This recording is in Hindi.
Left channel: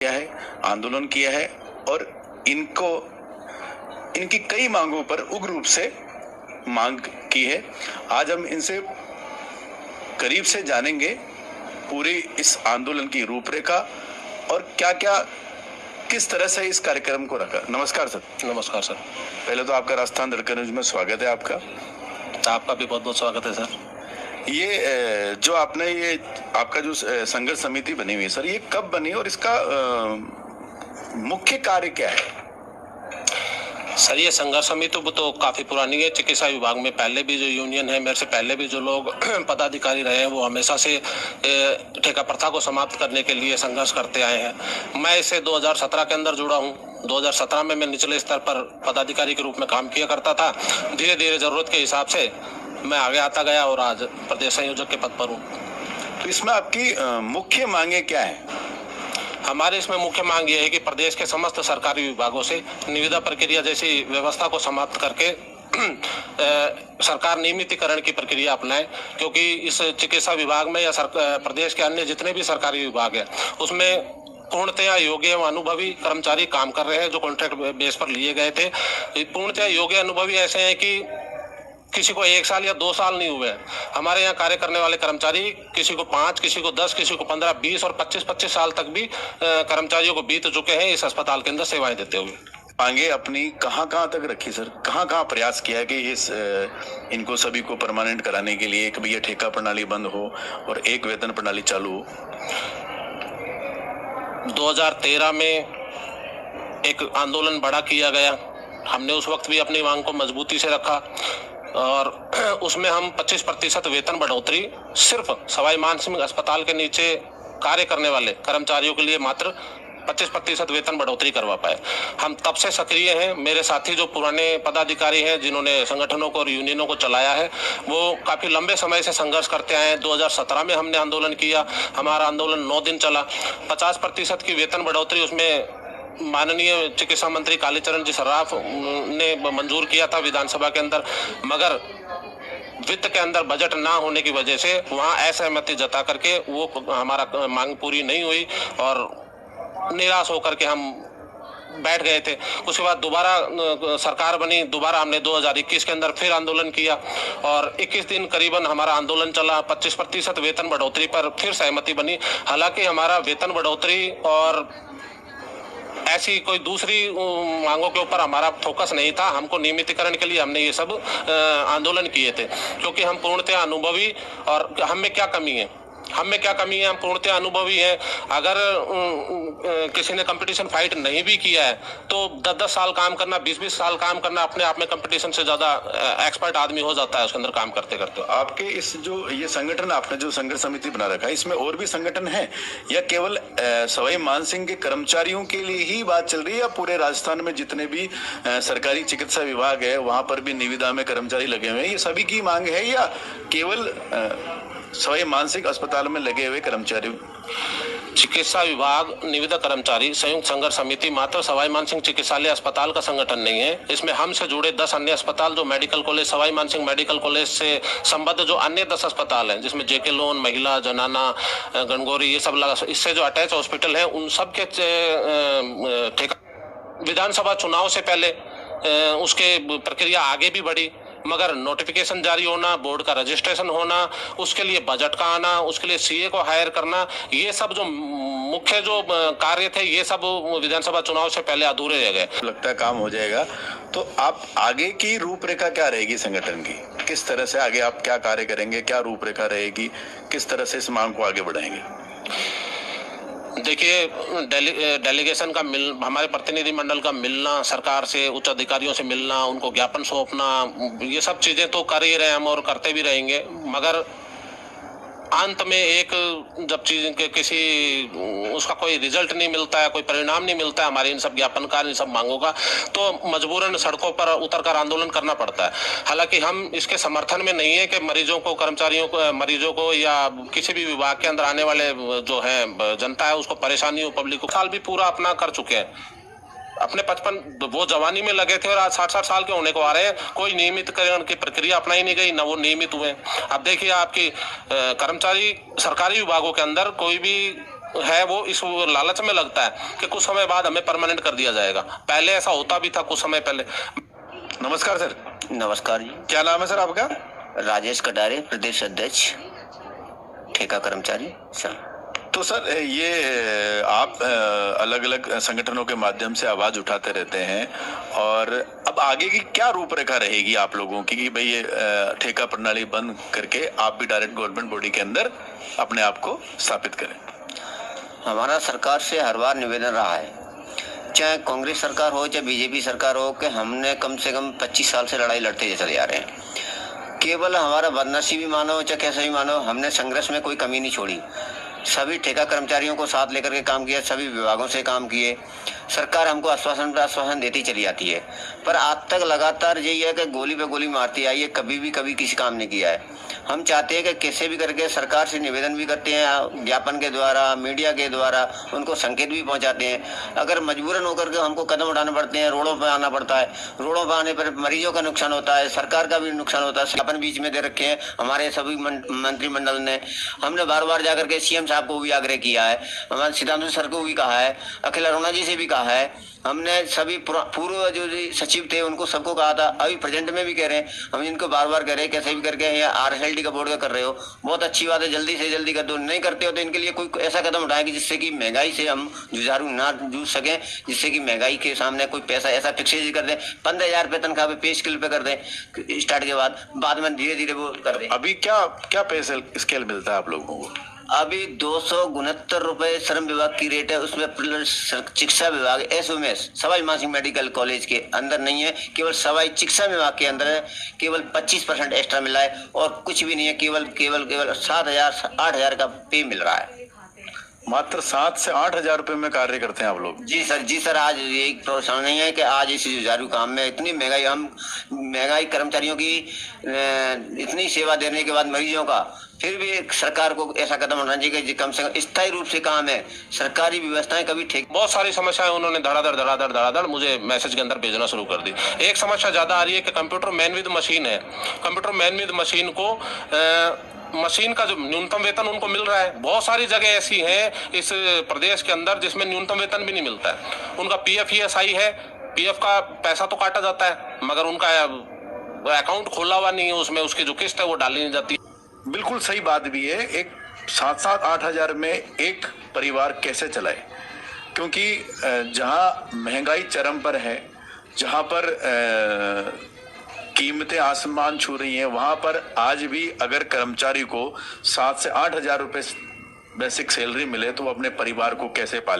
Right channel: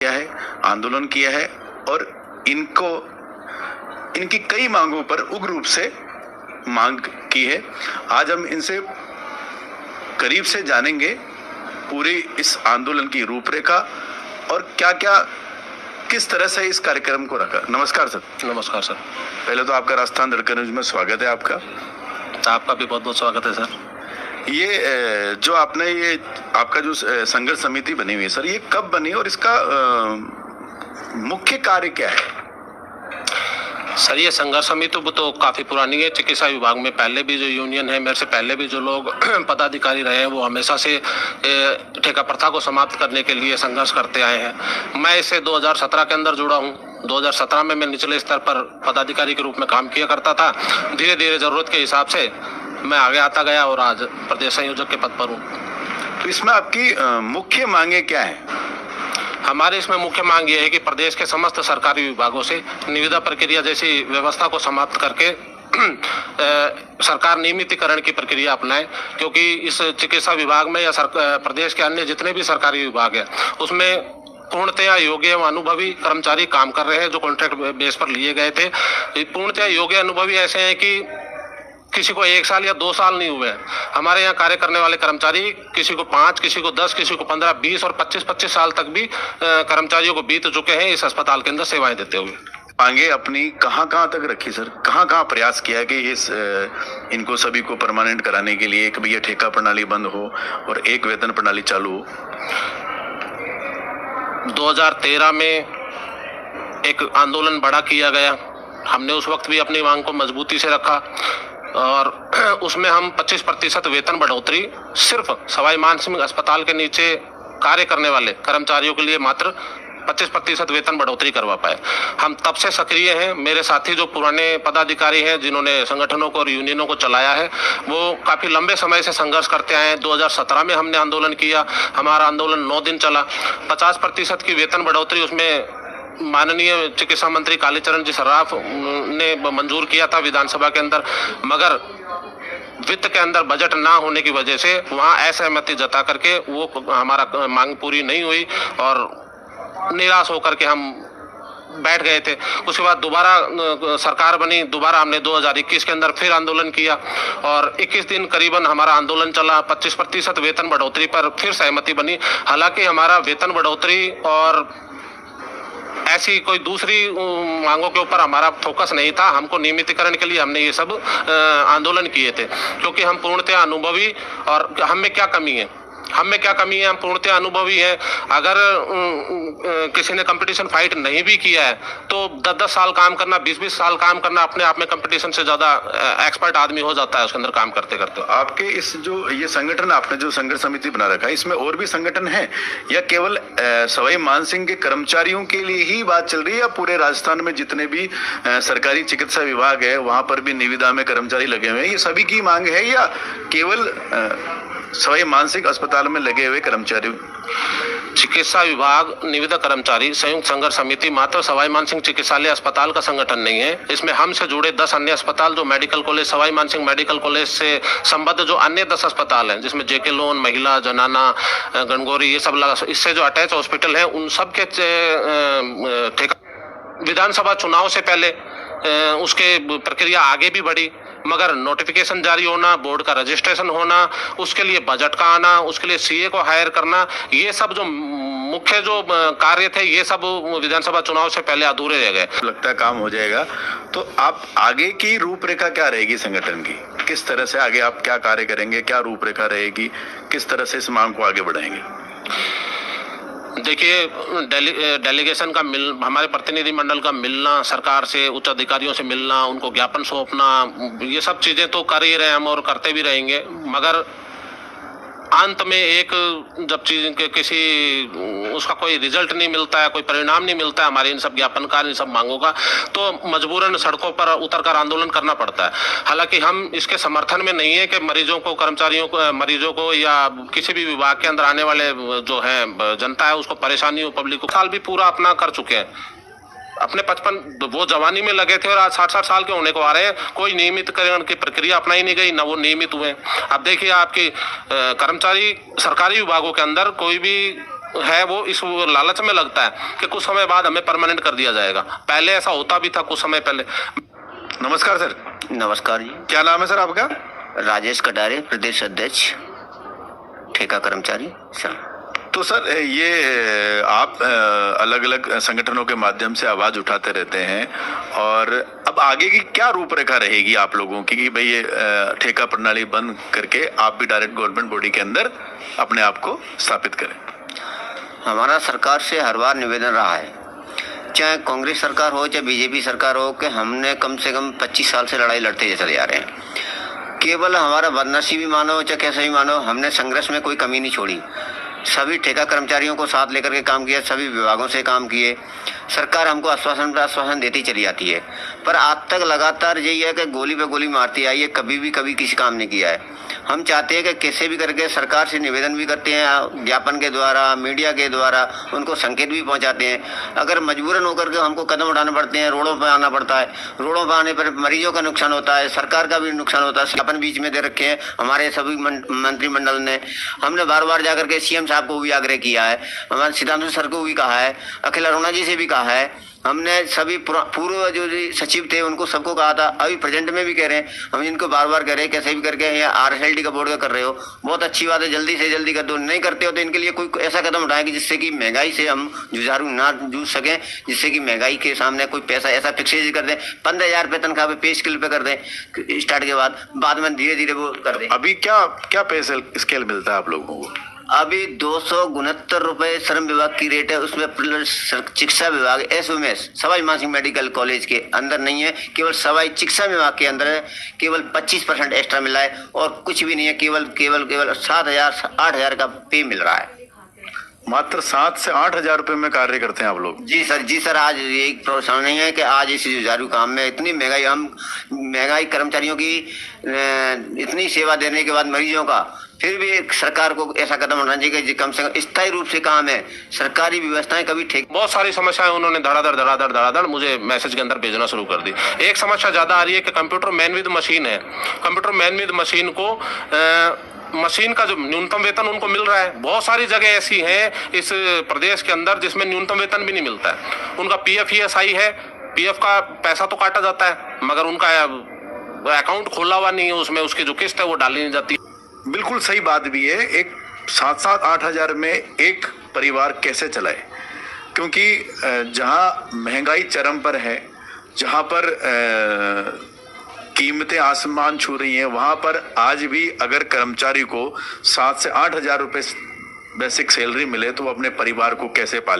किया है, आंदोलन किया है और इनकी कई मांगों पर उग्र रूप से मांग की है। आज हम इनसे करीब से जानेंगे पूरी इस आंदोलन की रूपरेखा और क्या-क्या किस तरह से इस कार्यक्रम को रखा। नमस्कार सर। नमस्कार सर। पहले तो आपका राजस्थान धड़कन न्यूज में स्वागत है आपका। आपका भी बहुत बहुत स्वागत है सर। ये जो आपने ये आपका जो संघर्ष समिति बनी हुई है सर, ये कब बनी और इसका मुख्य कार्य क्या है? सर ये संघर्ष समिति तो काफी पुरानी है। चिकित्सा विभाग में पहले भी जो यूनियन है, मेरे से पहले भी जो लोग पदाधिकारी रहे हैं, वो हमेशा से ठेका प्रथा को समाप्त करने के लिए संघर्ष करते आए हैं। मैं इससे 2017 के अंदर जुड़ा हूँ। 2017 में मैं निचले स्तर पर पदाधिकारी के रूप में काम किया करता था। धीरे धीरे जरूरत के हिसाब से मैं आगे आता गया और आज प्रदेश संयोजक के पद पर हूँ। तो इसमें आपकी मुख्य मांगे क्या है? हमारे इसमें मुख्य मांग ये है कि प्रदेश के समस्त सरकारी विभागों से निविदा प्रक्रिया जैसी व्यवस्था को समाप्त करके सरकार नियमितीकरण की प्रक्रिया अपनाए, क्योंकि इस चिकित्सा विभाग में या प्रदेश के अन्य जितने भी सरकारी विभाग है उसमें पूर्णतया योग्य एवं अनुभवी कर्मचारी काम कर रहे हैं जो कॉन्ट्रैक्ट बेस पर लिए गए थे। पूर्णतया योग्य अनुभवी ऐसे हैं कि किसी को 1 साल या 2 साल नहीं हुए। हमारे यहाँ कार्य करने वाले कर्मचारी किसी को 5, किसी को 10, किसी को 15, 20 और 25 साल तक भी कर्मचारियों को बीत चुके हैं इस अस्पताल के अंदर सेवाएं देते हुए। मांगे अपनी कहाँ तक रखी सर? कहाँ प्रयास किया है कि इस इनको सभी को परमानेंट कराने के लिए, एक भैया ठेका प्रणाली बंद हो और एक वेतन प्रणाली चालू हो? 2013 में एक आंदोलन बड़ा किया गया। हमने उस वक्त भी अपनी मांग को मजबूती से रखा और उसमें हम 25% वेतन बढ़ोतरी सिर्फ सवाई मानसिंह अस्पताल के नीचे कार्य करने वाले कर्मचारियों के लिए मात्र 25% वेतन बढ़ोतरी करवा पाए। हम तब से सक्रिय हैं। मेरे साथी जो पुराने पदाधिकारी हैं जिन्होंने संगठनों को और यूनियनों को चलाया है, वो काफी लंबे समय से संघर्ष करते आए हैं। 2017 में हमने आंदोलन किया। हमारा आंदोलन 9 दिन चला। 50% की वेतन बढ़ोतरी उसमें माननीय चिकित्सा मंत्री कालीचरण जी सर्राफ ने मंजूर किया था विधानसभा के अंदर, मगर वित्त के अंदर बजट ना होने की वजह से वहां असहमति जता करके वो हमारा मांग पूरी नहीं हुई और निराश होकर के हम बैठ गए थे। उसके बाद दोबारा सरकार बनी। दोबारा हमने 2021 के अंदर फिर आंदोलन किया और 21 दिन करीबन हमारा आंदोलन चला। 25% वेतन बढ़ोतरी पर फिर सहमति बनी। हालांकि हमारा वेतन बढ़ोतरी और ऐसी कोई दूसरी मांगों के ऊपर हमारा फोकस नहीं था। हमको नियमितीकरण के लिए हमने ये सब आंदोलन किए थे, क्योंकि हम पूर्णतः अनुभवी और हम में क्या कमी है, हम पूर्णतः अनुभवी हैं। अगर किसी ने कंपटीशन फाइट नहीं भी किया है तो 10-10 साल काम करना, 20-20 साल काम करना अपने आप में कंपटीशन से ज्यादा एक्सपर्ट आदमी हो जाता है उसके अंदर काम करते करते। आपके इस जो ये संगठन आपने जो संघर्ष समिति बना रखा है, इसमें और भी संगठन है या केवल सवाई मानसिंह के कर्मचारियों के लिए ही बात चल रही है, या पूरे राजस्थान में जितने भी सरकारी चिकित्सा विभाग है वहां पर भी निविदा में कर्मचारी लगे हुए हैं, ये सभी की मांग है या केवल सवाई मानसिंह अस्पताल में लगे हुए कर्मचारी? चिकित्सा विभाग निविदा कर्मचारी संयुक्त संघर्ष समिति मात्र सवाई मानसिंह चिकित्सालय अस्पताल का संगठन नहीं है। इसमें हमसे जुड़े 10 अन्य अस्पताल जो medical college, Sawai Mansingh medical college से संबद्ध जो अन्य 10 अस्पताल हैं, जिसमें जेके लोन, महिला, जनाना, गणगौरी, ये सब इससे जो अटैच हॉस्पिटल है, उन सब के ठेका। विधानसभा चुनाव से पहले उसके प्रक्रिया आगे भी बढ़ी, मगर नोटिफिकेशन जारी होना, बोर्ड का रजिस्ट्रेशन होना, उसके लिए बजट का आना, उसके लिए सीए को हायर करना, ये सब जो मुख्य जो कार्य थे, ये सब विधानसभा चुनाव से पहले अधूरे रह गए। लगता है काम हो जाएगा। तो आप आगे की रूपरेखा क्या रहेगी संगठन की? किस तरह से आगे आप क्या कार्य करेंगे, क्या रूपरेखा रहेगी, किस तरह से इस मांग को आगे बढ़ाएंगे? देखिए, डेलीगेशन का हमारे प्रतिनिधि मंडल का मिलना, सरकार से उच्च अधिकारियों से मिलना, उनको ज्ञापन सौंपना, ये सब चीजें तो कर ही रहे हैं हम और करते भी रहेंगे, मगर अंत में एक जब चीज के किसी उसका कोई रिजल्ट नहीं मिलता है, कोई परिणाम नहीं मिलता है हमारे इन सब ज्ञापन का, इन सब मांगों का, तो मजबूरन सड़कों पर उतरकर आंदोलन करना पड़ता है। हालांकि हम इसके समर्थन में नहीं है कि मरीजों को, कर्मचारियों को, मरीजों को या किसी भी विभाग के अंदर आने वाले जो है जनता है उसको परेशानी हो। पब्लिक को साल भी पूरा अपना कर चुके हैं, अपने 55 वो जवानी में लगे थे और आज 60-60 साल के होने को आ रहे हैं। कोई नियमितकरण की प्रक्रिया अपनाई नहीं गई, न वो नियमित हुए। अब देखिए, आपकी कर्मचारी सरकारी विभागों के अंदर कोई भी है वो इस लालच में लगता है कि कुछ समय बाद हमें परमानेंट कर दिया जाएगा। पहले ऐसा होता भी था कुछ समय पहले। नमस्कार सर। नमस्कार जी। क्या नाम है सर आपका? राजेश कटारे, प्रदेश अध्यक्ष ठेका कर्मचारी सर। तो सर ये आप अलग अलग संगठनों के माध्यम से आवाज उठाते रहते हैं, और अब आगे की क्या रूपरेखा रहेगी आप लोगों की कि भाई ये ठेका प्रणाली बंद करके आप भी डायरेक्ट गवर्नमेंट बॉडी के अंदर अपने आप को स्थापित करें? हमारा सरकार से हर बार निवेदन रहा है, चाहे कांग्रेस सरकार हो चाहे बीजेपी सरकार हो, कि हमने कम से कम 25 साल से लड़ाई लड़ते चले जा रहे हैं। केवल हमारा बदनसीबी मानो चाहे कैसे भी मानो, हमने संघर्ष में कोई कमी नहीं छोड़ी। सभी ठेका कर्मचारियों को साथ लेकर के काम किया, सभी विभागों से काम किए। सरकार हमको आश्वासन पर आश्वासन देती चली जाती है, पर आज तक लगातार यही है कि गोली पे गोली मारती आई है, कभी किसी काम नहीं किया है। हम चाहते हैं कि कैसे भी करके सरकार से निवेदन भी करते हैं, ज्ञापन के द्वारा, मीडिया के द्वारा उनको संकेत भी पहुंचाते हैं। अगर मजबूरन होकर के हमको कदम उठाने पड़ते हैं, रोडों पर आना पड़ता है, रोडों पर आने पर मरीजों का नुकसान होता है, सरकार का भी नुकसान होता है। ज्ञापन बीच में दे रखे हैं हमारे सभी मंत्रिमंडल ने। हमने बार बार जाकर के सीएम साहब को भी आग्रह किया है, हमारे सिद्धांत सर को भी कहा है, अखिल अरुणा जी से भी कहा है। हमने सभी पूर्व जो सचिव थे उनको सबको कहा था, अभी प्रेजेंट में भी कह रहे हैं, हम इनको बार बार कह रहे हैं कैसे भी करके ये RSLD का बोर्ड का कर रहे हो, बहुत अच्छी बात है, जल्दी से जल्दी कर दो। नहीं करते हो तो इनके लिए कोई ऐसा कदम उठाएं कि जिससे कि महंगाई से हम जुझारू ना जूझ सकें, जिससे कि महंगाई के सामने कोई पैसा ऐसा फिक्सेज कर दें, 15,000 रुपये तनख्वाह पे पे स्केल पे कर दें स्टार्ट के बाद में धीरे धीरे वो कर दें। अभी क्या पे स्केल मिलता है आप लोगों को? अभी 269 रुपए श्रम विभाग की रेट है, उसमें प्लस चिकित्सा विभाग SOMS Sawai Mansingh medical college के अंदर नहीं है, केवल सवाई चिकित्सा विभाग के अंदर है। केवल 25% एक्स्ट्रा मिला है और कुछ भी नहीं है, केवल 7,000-8,000 का पे मिल रहा है। मात्र 7 से 8 हजार रुपए में कार्य करते हैं आप लोग? जी सर। आज ये प्रोत्साहन नहीं है कि आज इस जुझारू काम में इतनी महंगाई कर्मचारियों की इतनी सेवा देने के बाद मरीजों का, फिर भी सरकार को ऐसा कदम उठाना चाहिए कि कम से कम स्थायी रूप से काम है। सरकारी व्यवस्थाएं कभी ठीक, बहुत सारी समस्याएं उन्होंने धड़ाधड़ मुझे मैसेज के अंदर भेजना शुरू कर दी। एक समस्या ज्यादा आ रही है कि कंप्यूटर मैन विद मशीन है। कंप्यूटर मैन विद मशीन को मशीन का जो न्यूनतम वेतन उनको मिल रहा है, बहुत सारी जगह ऐसी हैं इस प्रदेश के अंदर जिसमें न्यूनतम वेतन भी नहीं मिलता है। उनका PF ESI है, PF का पैसा तो काटा जाता है मगर उनका अकाउंट खोला हुआ नहीं है, उसमें उसकी जो किस्त है वो डाली नहीं जाती। बिल्कुल सही बात भी है। एक 7-8 हजार में एक परिवार कैसे चलाए? क्योंकि जहां महंगाई चरम पर है, जहां पर कीमतें आसमान छू रही हैं, वहां पर आज भी अगर कर्मचारी को 7 से 8 हजार रुपए बेसिक सैलरी मिले तो वो अपने परिवार को कैसे पाले?